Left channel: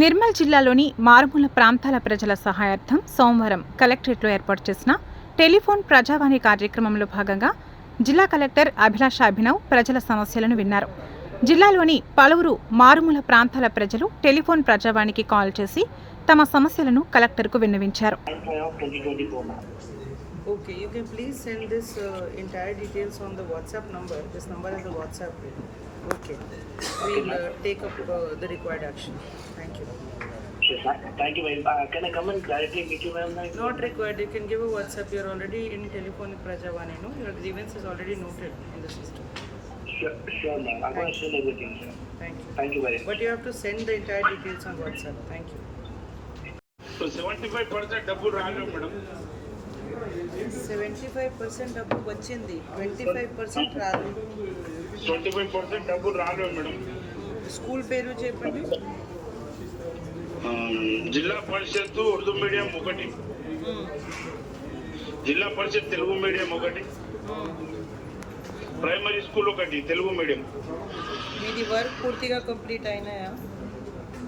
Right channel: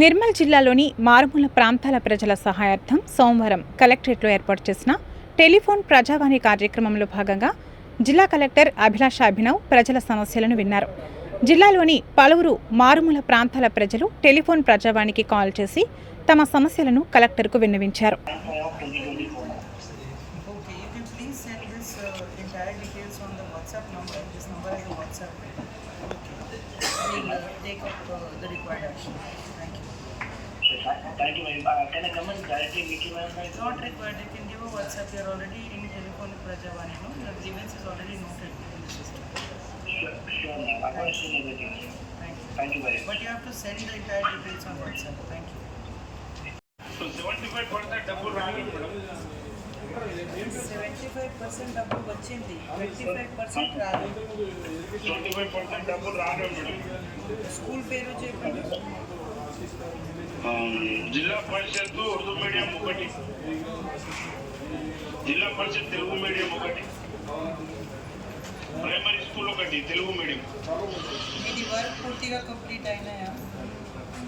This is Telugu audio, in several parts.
నిర్మల్ జిల్లాలోని మారుమూల ప్రాంతాల ప్రజల సహాయార్థం సోమవారం కలెక్టరేట్లో ఏర్పాటు చేసిన టెలిఫోన్ ప్రజావాణి కార్యక్రమంలో భాగంగా జిల్లా కలెక్టర్ అభిలాష అభినవ్ ప్రజల సమస్యలను విన్నారు. జిల్లాలోని పలువురు మారుమూల ప్రాంతాల ప్రజలు టెలిఫోన్ ప్రజావాణికి కాల్ చేసి తమ సమస్యలను కలెక్టర్కు విన్నవించారు. Okay, you can please send this entire details on the WhatsApp number. This number is the WhatsApp. Okay, we'll take up the required action. Thank you. Sure, thank you. Can I come and directly meet you, ma'am? Not required. You can give a WhatsApp. You are already in telephone Prajavani. No, your grievance is already noted in the system. Sure, ma'am. I'm going to send everything. Thank you. Thank you very much. But you have to send the entire details on WhatsApp. Thank you. So 75% double value, madam. 75% డబ్బు వచ్చింది, 25% రాదు. 25% double value, madam. స్కూల్ పేరు చెప్పండి. జిల్లా పరిషత్ ఉర్దూ మీడియం ఒకటి, జిల్లా పరిషత్ తెలుగు మీడియం ఒకటి, ప్రైమరీ స్కూల్ ఒకటి తెలుగు మీడియం. మీది వర్క్ పూర్తిగా కంప్లీట్ అయినాయా?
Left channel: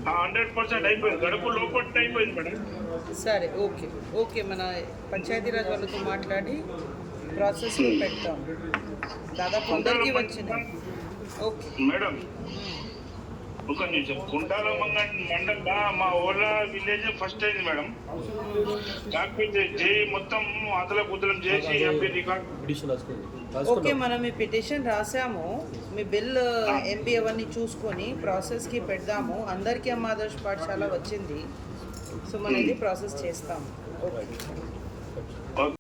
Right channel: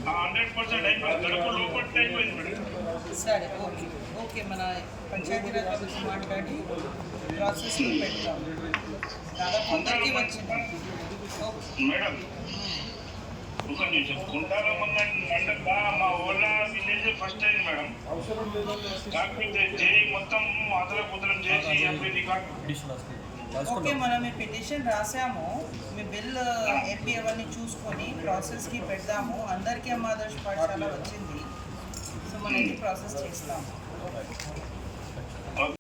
100% అయిపోయింది, గడప లోపల అయిపోయింది మేడం. సరే, ఓకే ఓకే, మన పంచాయతీరాజ్ వాళ్ళతో మాట్లాడి ప్రాసెస్ పెడతాం. దాదాపు అందరికీ వచ్చింది. ఓకే మేడం, ఒక నిమిషం. కుంటాల మండలం మా ఓలా విలేజ్ ఫస్ట్ అయింది మేడం. కాకపోతే జేఈ మొత్తం అతల కుతలం చేసి ఎంపీ రికార్డ్. ఓకే, మనం మీ పిటిషన్ రాసాము. మీ బిల్ ఎంపీ అవన్నీ చూసుకొని ప్రాసెస్కి పెడదాము. అందరికీ అమ్మ ఆదర్శ పాఠశాల వచ్చింది, సో మనం ఇది ప్రాసెస్ చేస్తాము. ఓకే.